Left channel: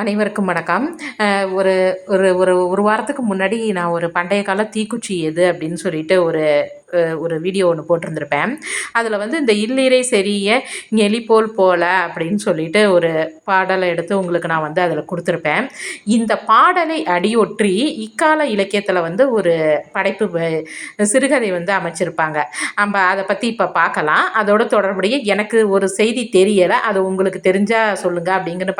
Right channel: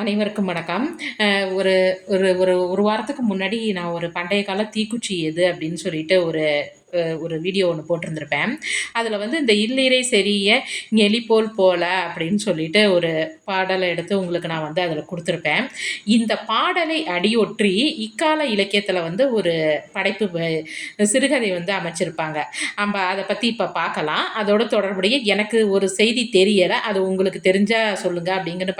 அனைவருக்கும் வணக்கம். ஒரு ஒரு ஒரு ஒரு வாரத்துக்கு முன்னாடி நான் ஒரு பண்டைய கால தீக்குச்சி எது அப்படின்னு சொல்லிட்டு ஒரு வீடியோ ஒன்று போட்டிருந்திருப்பேன். அதில் வந்து இந்த "இல்லிரை செறிய நெளிபோல் போல" அப்படின்னு சொல்லிட்டு ஒரு பாடலை எடுத்து உங்களுக்கு நான் வந்து அதில் கொடுத்துருப்பேன். இந்த பாடலை அடியொற்றி இக்கால இலக்கியத்தில் வந்து ஒரு படைப்பு சிறுகதை வந்து அமைச்சிருப்பாங்க. நம்ம அதை பற்றி இப்போ பார்க்கலாம். அதோட தொடர்புடைய எனக்கு ஒரு செய்தி தெரியலை, அது உங்களுக்கு தெரிஞ்சால் சொல்லுங்கள் அப்படிங்கிற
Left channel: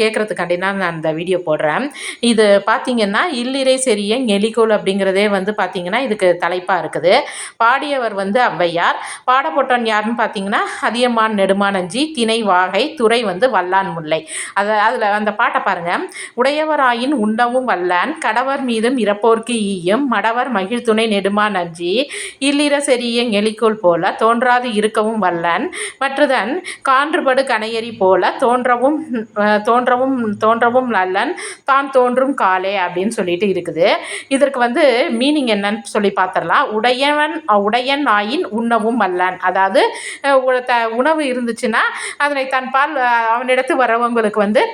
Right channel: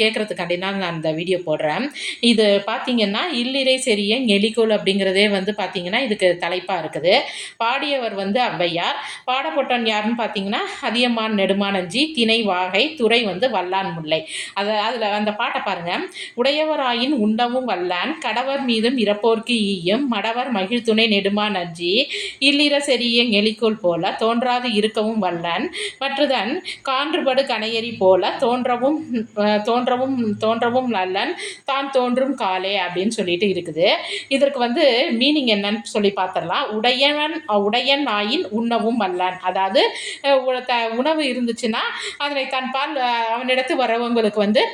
கேட்குறதுக்காண்டி தான் நான் அந்த வீடியோ போடுறேன். இது பார்த்தீங்கன்னா, "இல்லிரை செறிய நெளிகோல்" அப்படிங்கிறதே வந்து பார்த்தீங்கன்னா, இதுக்கு தலைப்பா இருக்குது. பாடியவர் வந்து ஔவையார். பாடப்பட்டவன் யாருன்னு பார்த்தீங்கன்னா, அதியமான் நெடுமானஞ்சி, திணை வாகை, துறை வந்து வல்லான் முல்லை. அதில அந்த பாட்ட பாருங்க. "உடையவராயின் உண்ணவும் வல்லான், கடவர் மீதும் இரப்போர்க்கு ஈயும், மடவர் மகிழ்துணை நெடுமானஞ்சி, இல்லிற செறிய நெளிகோல் போல தோன்றாது இருக்கவும் வல்லான், மற்றுதன் கான்றுபடு கணையரி போல தோன்றவும் தோன்றவும் நல்லன், தான் தோன்றும் காலே" அப்படின்னு சொல்லிட்டு இருக்குது. இதற்கு வந்து மீனிங் என்னன்னு சொல்லி பார்த்துடலாம். உடையன் ஆயின் உண்ணவும் வல்லான். அதாவது உணவு இருந்துச்சுன்னா அதனை தன்பால் அவனிடத்து வரவங்களுக்கு வந்து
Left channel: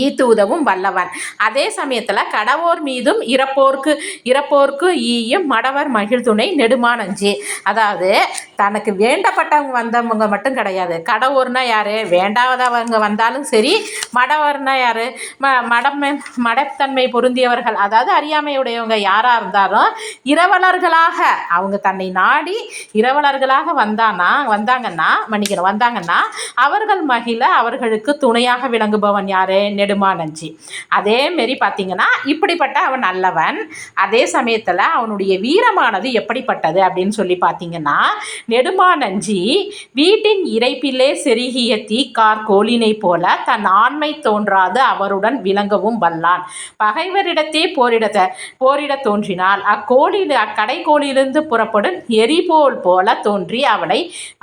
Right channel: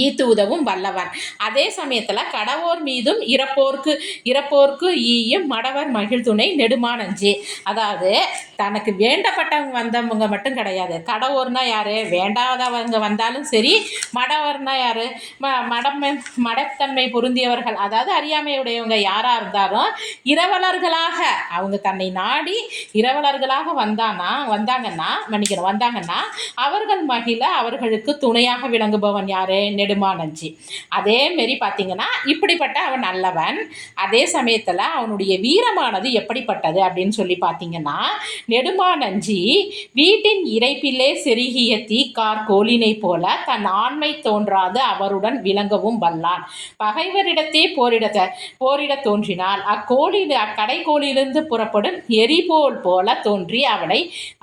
ஈத்து உதவும் வல்லவன். அதே சமயத்தில் கடவோர் மீதும் இறப்போர்க்கு ஈயும், மடவர் மகிழ்துணை நெடுமானஞ்சி. அதாவது தனக்கு வேண்டப்பட்டவங்க வந்தவங்க மட்டும் கிடையாது. கடவோர்னா யார்? வேண்டாதவங்க வந்தாலும் சரி. மடவர்னா யார்? மடத்தன்மை பொருந்தியவர்கள், அதாவது அறியாமையுடையவங்க யாராக இருந்தாலும் இரவலர்களாக அவங்க தன்னை நாடி இரவலர்களாக வந்தாங்கன்னா அவர்கள் மகிழ அவர்களுக்கு துணையாக விளங்குபவன் யாரு? நெடுமானஞ்சி. அதே மாரி பார்த்தீங்கன்னா, இப்படிப்பட்ட அவன் நல்லவன். அதே சமயத்தில் அவனுடைய வீரமானது எப்படிப்பட்டது அப்படின்னு சொல்லி பார்த்தீங்கன்னா, நெடுமானஞ்சி வீட்டின் இறைப்பிலே செருகிய தீக்கார் கோலினை போல தன் ஆண்மை தோன்றாது அவருடன் விளங்கவும் வல்லான். பகைவரிடத்தே போரிட தோன்றினால் அக்கடைக்கோளிலிருந்து புறப்படும் எரிபோல் போல தோன்றி அவனை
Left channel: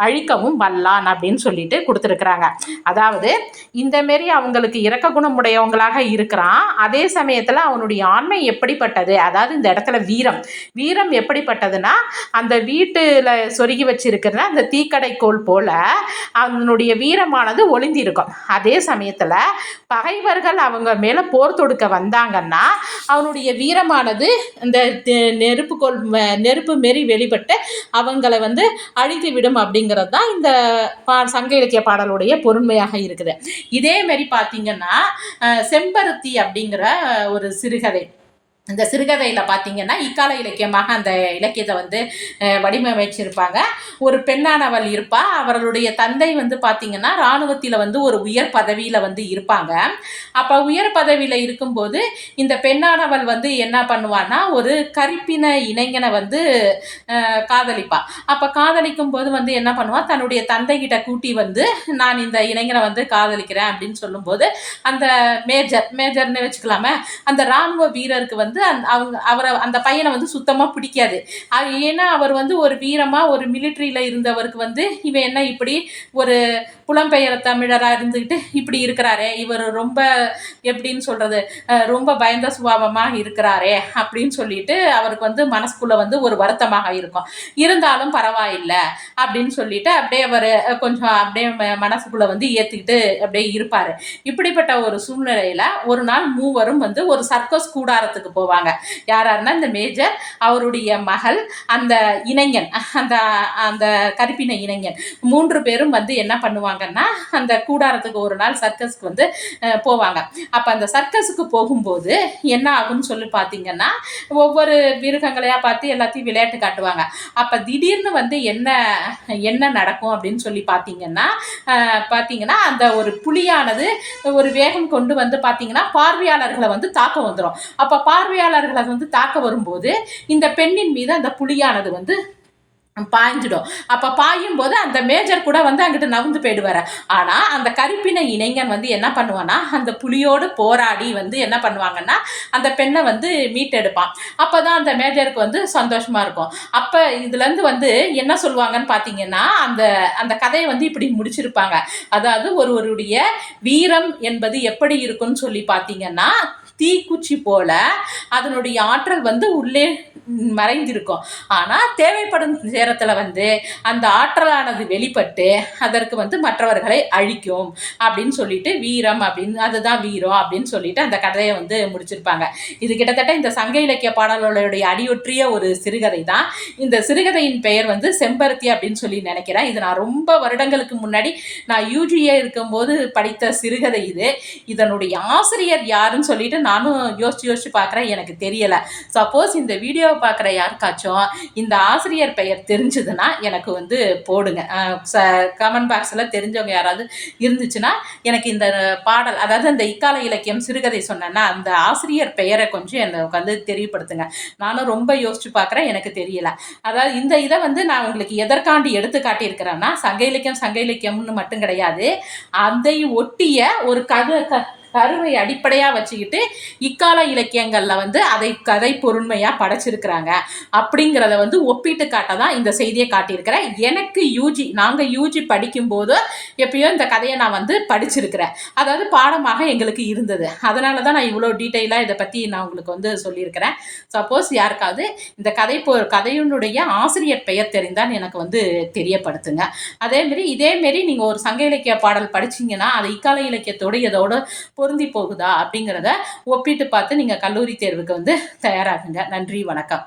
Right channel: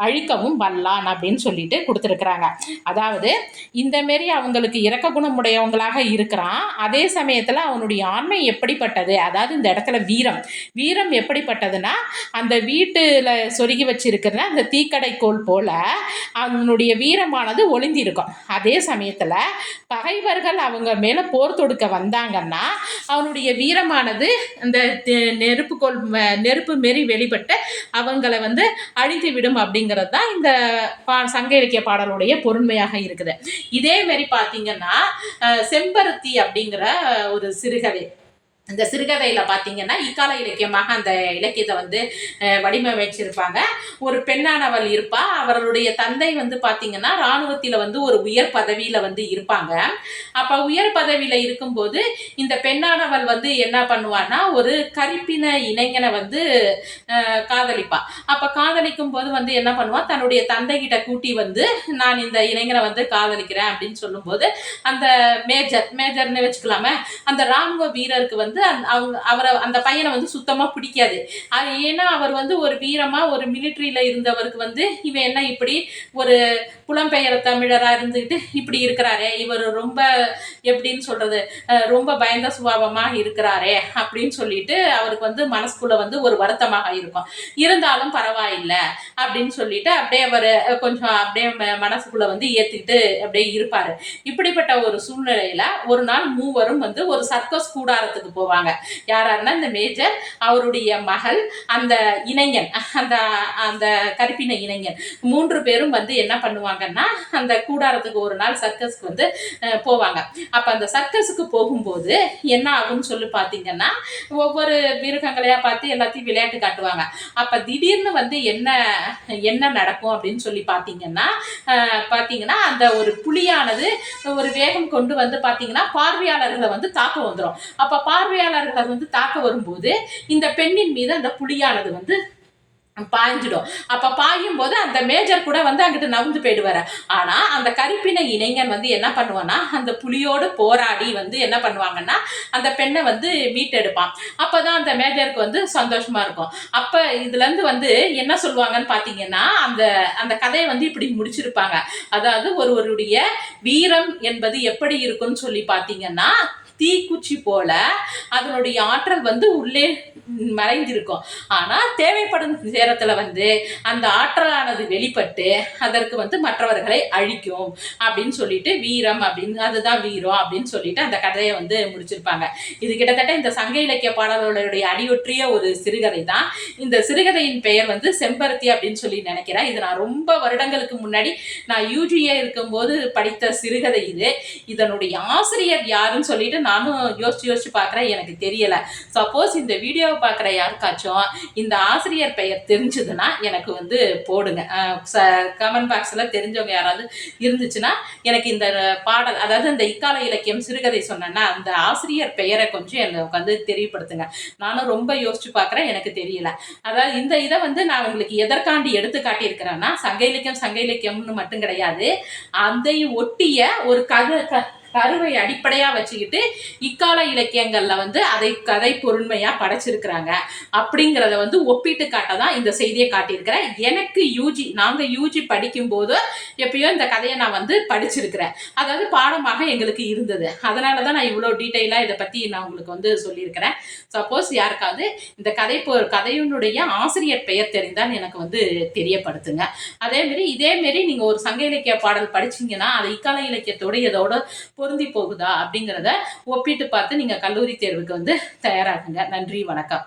அழிக்கவும் வல்லான் அப்படின்னு சொல்லிட்டு கொடுத்துருக்குறாங்க. அதாவது இந்த மாரி அவங்களுக்கு இரக்க குணமுடையவங்களாக இருக்கிறான். அதே சமயத்தில் அவனுடைய ஆண்மை எப்படிப்பட்டது, அதாவது இந்த இடத்துல வீரம் எப்படிப்பட்டதுன்னா, அந்த வீட்டில் சொருகி வச்சிருக்கிற அந்த தீக்கடைக்கோள் போல அவனுடைய வீரமானது ஒளிந்திருக்கும். அதே சமயத்தில் பகைவர்கள் அவங்க மேலே போர் தொடுக்க வந்தாங்கன்னா அவனுடைய வீரமானது இந்த நெருப்பு மாரி வெளிப்பட்டு அவங்களை வந்து அழித்து விடும் அப்படிங்கிறது தான் இந்த சங்க இலக்கிய பாடலுடைய பொருண்மையாக இருக்குது. இதே மாதிரி பார்த்தீங்கன்னா, செம்பருத்தி அப்படிங்கிற ஒரு சிறுகதை. இந்த சிறுகதையில் பார்த்தீங்கன்னா, இக்கால இலக்கியமாக அந்த இலக்கியத்தை வந்து வடிவமைச்சிருப்பாங்க. ஒரு பெண்ணானவள் இருப்பா. அவர்களுடைய தந்தை வந்து பார்த்தீங்கன்னா, இராணுவத்தில் வந்து ஒரு உயர் பதவியில் வந்து இருப்பாங்க. அப்போ உயர் பதவியில் இருக்கும்போது இந்த பெண்ணானவள் வந்து என்ன பண்ணுவான்னா, ஒரு கருப்பின இளைஞனை வந்து காதலிப்பா. அப்போ காதலிக்கும் போது வந்து என்ன பண்ணுவா, தன்னுடைய தந்தைகிட்ட கூட்டி வந்து, நான் இந்த இளைஞனை வந்து காதலிக்கிறேன் அப்படின்னு சொல்லும்போது, அந்த மேஜர்னு வச்சுக்கலாமே, அந்த இராணுவ வீரருக்கு வந்து அந்த பையனை வந்து சுத்தமாக பிடிக்காது. ஏன்னா அவர் வந்து ஒரு வீரமாக ஒரு மிலிட்ரியில் இருந்தவருக்கு வந்து இவன் என்ன இப்படி ஒரு புலம்பெயர் தமிழராக இருந்துக்கிட்டு இப்படி இருக்கிறாரே, இவர் ரொம்ப எப்படின்னு சொல்கிறது, ரொம்ப பயந்த சுபாவமாக இருக்கிறாரே அப்படின்னு சொல்லிட்டு அவருக்கு வந்து மனசுக்குள்ளே வந்து ஒரு வருத்தமாக இருக்கும். இருந்தாலும் பரவாயில்லை அப்படின்னு சொல்லிட்டு அப்படியே அவர் கொஞ்சம் அப்படியே மனசுக்குள்ளே வந்து ஏற்றிக்கிட்டு அப்படியே இருப்பார். இப்படிப்பட்ட ஒரு சூழ்நிலையில் ஒரு நாள் மூவரும் வந்து ஒரு சர்க்கஸ் கூடாரத்துக்கு போவாங்க. யாராருன்னா இந்த மேஜர், அவருடைய மகள், அந்த இளைஞன், அந்த கருப்பின இளைஞன், 3 பேரும் வந்து என்ன பண்ணுவாங்கன்னா, அந்த கூடாரத்துக்கு ஒரு நாள் சர்க்கஸ்க்கு வந்து போவாங்க. அப்போ அந்த சர்க்கஸுக்கு போகும்போது என்ன ஆகும்னு சொல்லி பார்த்தீங்கன்னா, ஒவ்வொரு மிருகங்களையாக பார்த்து எல்லாத்தையும் விளையாட்டு காட்டுவாங்க. அப்போ திடீர்னு வந்து என்ன நடக்கும் அப்படின்னு சொல்லி பார்த்தீங்கன்னா, அந்த ஒரு புலியானது ஒரு வேகம் கொண்டு வந்து பார்த்தீங்கன்னா பார்வையாளர்களை வந்து தாக்க வந்துடும். அப்போ பார்வையாளர்களை வந்து தாக்க வரும்போது இந்த பெண்ணின் மீது அந்த புலியானது வந்து பாய்ஞ்சிடும். அப்போ பாயும் போது அந்த மேஜர் கூட வந்து அங்கிட்டு நவுந்து போயிடுவார். ஆனால் அந்த கருப்பின இளைஞன் வந்து என்ன பண்ணுவான்னா, அந்த புலியோடு போராடி வந்து என்ன பண்ணுவாங்கன்னா, அந்த பெண்ணை வந்து மீட்டெடுப்பான். அப்போ தான் அந்த மேஜருக்கு வந்து சந்தோஷமாக இருக்கும். அப்போ இதுலேருந்து வந்து என்ன சொல்லுவாங்கன்னு பார்த்தீங்கன்னா, அந்த கதையை வந்து இப்படி முடிச்சிருப்பாங்க. அதாவது ஒருவருடைய வீரம் என்பது எப்படி இருக்குன்னு சொல்லி பார்த்தீங்கன்னா, தீக்குச்சி போல அதனுடைய ஆற்றல் வந்து உள்ளே மறைந்திருக்கும். ஆனால் தேவைப்படும் நேரத்தில் வந்து அந்த ஆற்றலானது வெளிப்பட்டு அதற்கு வந்து மற்றவர்களை அழிக்கும் அப்படின்னு சொல்லிட்டு வீரம் அப்படின்னு அதுதான் வீரம் அப்படின்னு சொல்லிட்டு அந்த கதையை வந்து முடிச்சிருப்பாங்க. இது கிட்டத்தட்ட இந்த சங்க இலக்கிய பாடல்களுடைய அடியொற்றிய ஒரு சிறுகதை தான். இந்த சிறுகதையின் பெயர் வந்து செம்பருத்தி அப்படின்னு சொல்லி நினைக்கிறேன். இது நான் ரொம்ப வருடங்களுக்கு முன்னாடி நான் யூஜிஏ இருக்கும்போது படித்த சிறுகதை இது. இதனுடைய ஆசிரியர் யாருன்னு சொல்லிட்டு நானும் யோசிச்சு பார்க்குறேன், எனக்கு தெரியலை. சப்போஸ் இந்த வீடியோவை பார்க்குற யாருக்காச்சும் இந்த ஆசிரியர் பெயர் தெரிஞ்சதுன்னா எனக்கு வந்து போடுங்க. கமெண்ட் பாக்ஸில் தெரிஞ்சவங்க யாராவது இருந்துச்சுன்னா எனக்கு இந்த பாடல், அதாவது இந்த இக்கால இலக்கியம் சிறுகதை சொன்னேன்னா அந்த ஆசிரியர் பெயரை கொஞ்சம் எனக்கு வந்து தெரியப்படுத்துங்க. நானும் ரொம்ப யோசிச்சு பார்க்குறேன், எனக்கு தெரியல. அதாவது இந்த இதை வந்து நான் உங்களுக்கு எதற்காண்டி எடுத்து காட்டியிருக்கிறேன்னா சங்க இலக்கியம்னு மட்டும் கிடையாது, அதை ஒட்டிய ஒரு கருவை அடிப்படையாக வச்சுக்கிட்டு இக்கால இலக்கியங்களில் வந்து அதை கதை பொருண்மையாக படைச்சிருக்கிறாங்க அப்படிங்கிறத வந்து ஒப்பிட்டு காட்ட தான் இந்த செய்தியை காட்டியிருக்கிறேன். எனக்கு நாங்கள் யூஜி படிக்கும்போது எப்பயோ இந்த கதையை நான் வந்து படிச்சிருக்கிறேன். அதாவது பாடமாக எங்களுக்கு இருந்தது. அதனால தான் நான் இவ்வளோ டீட்டெயிலாக இதை பற்றி நான் உங்களுக்கு வந்து சொல்லியிருக்கிறேன். சப்போஸ் யாருக்காவது இந்த கதையினுடைய ஆசிரியர் பெயர் தெரிந்தால் எனக்கு வந்து தெரியப்படுத்துங்க. இதேமாரி நீங்கள் ஒரு சங்க இலக்கிய பாடல் படிச்சிங்கன்னா அது இக்கால இலக்கியத்தோடு இதோட பொருந்தி போகுதா அப்படிங்கிறத ஒப்பிட்டு பார்த்து நீங்கள் கல்லூரி தேர்வுக்கு வந்து தயாராகுங்க. நன்றி, வணக்கம்.